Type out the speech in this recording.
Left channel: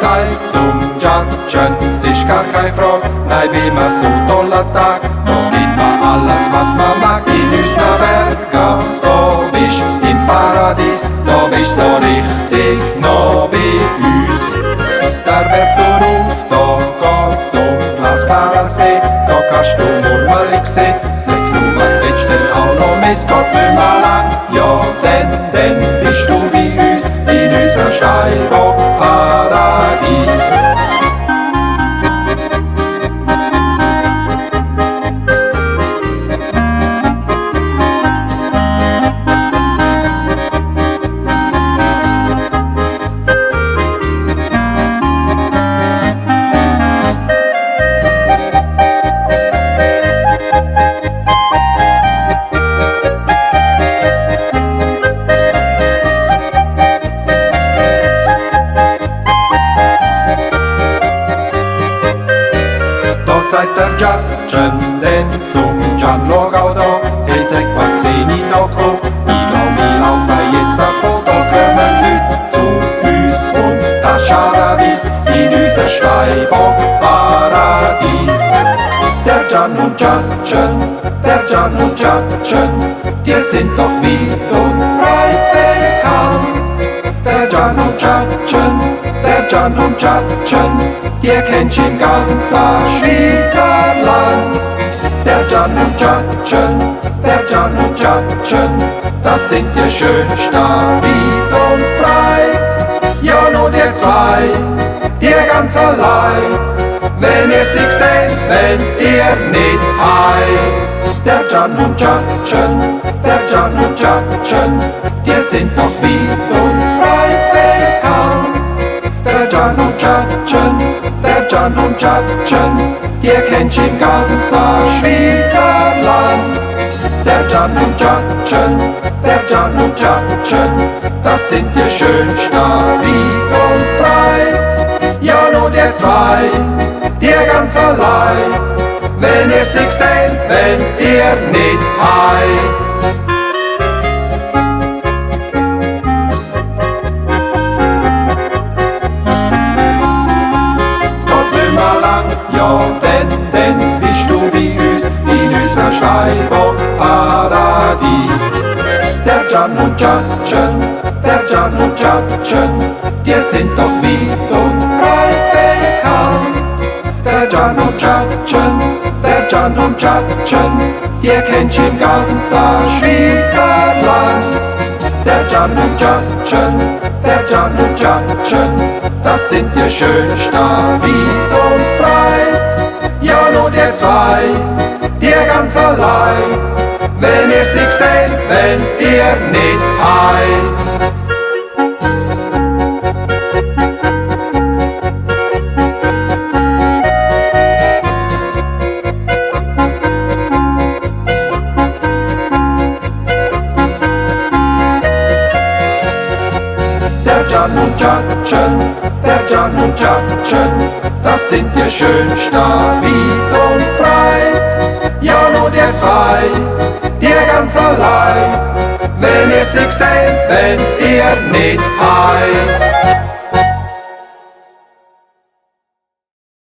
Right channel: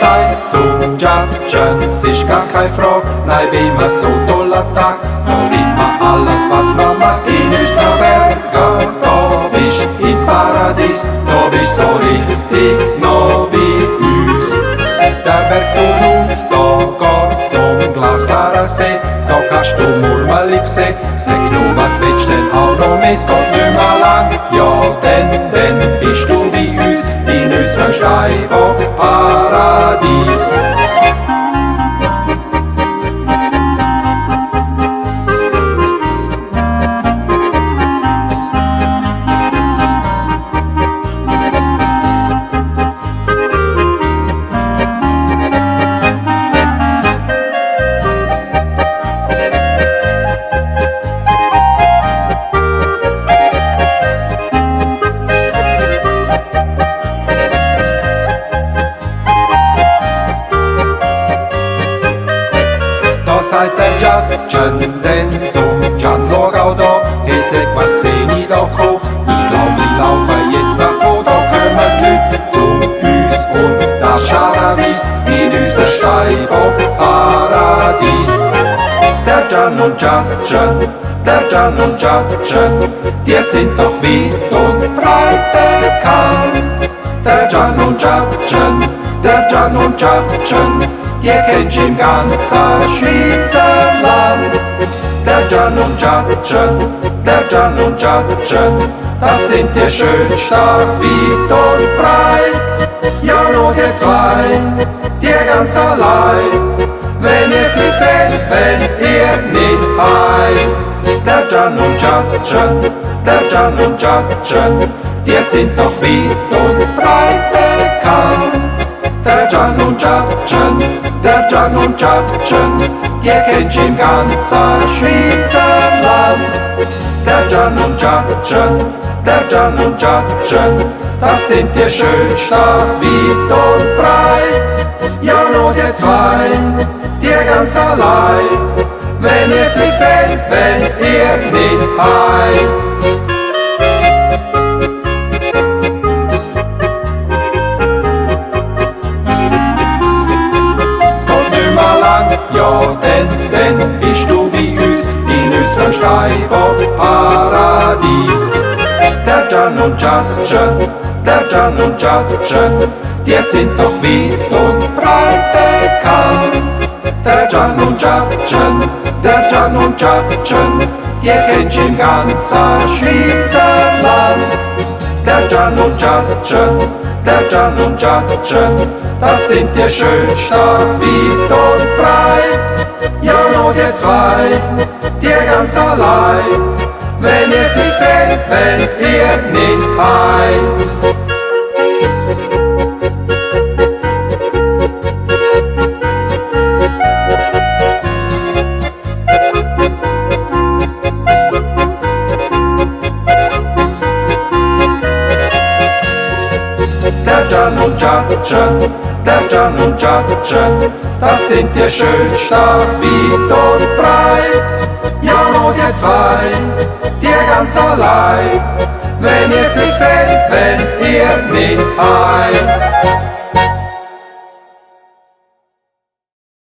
seid zum Judgen, es ist gar keine Frage. Nein, wie man so toller Tag, da gibt man alles, was man mag. In uns der Berge, da bist im Paradies, da bist so richtig noch bei uns. Der Berg rauf, da geht's zum glasklaren See, da kannst du Murmeli sehen. Sag nur, was willst denn auch noch mehr? Es geht nicht mehr lang, ja, dann bist du wie uns in unserem Steinbock-Paradies. Seid der Judgen, denn zum Jan schau auch da. Ich sag, was seh ich da ko? Ich glaub, wir laufen jetzt davon. Da kommen Leute zu uns und das Scharawies in unser Steinbock-Paradies. Der Jan und Judgen, der Jan und Judgen, die sind doch weit und breit bekannt. Der Jan und Judgen, der Jan und Judgen, die kennst im ganzen Schweizer Land. Der Jan und Judgen, der Jan und Judgen, das sind die schönsten weit und breit. Ja, nur die zwei, die ganz allein. Wenn ihr sie seht, wenn ihr nicht heim. Der Jan und Judgen, der Jan und Judgen, die sind doch weit und breit bekannt. Der Jan und Judgen, der Jan und Judgen, die kennst im ganzen Schweizer Land. Der Jan und Judgen, der Jan und Judgen, das sind die schönsten weit und breit. Ja, nur die zwei, die ganz allein. Wenn ihr sie seht, wenn ihr nicht heim. Ja, dann bist du bei uns in unserem Steinbock-Paradies. Der Jan und Judgen, der Jan und Judgen, die sind doch weit und breit bekannt. Der Jan und Judgen, der Jan und Judgen, die kennst im ganzen Schweizer Land. Der Jan und Judgen, der Jan und Judgen, das sind die schönsten weit und breit. Ja, nur die zwei, die ganz allein. Wenn ihr sie seht, wenn ihr nicht heim. Der Jan und Judgen, der Jan und Judgen, das sind die schönsten weit und breit. Ja, nur die zwei, die ganz allein. Wenn ihr sie seht, wenn ihr nicht heim.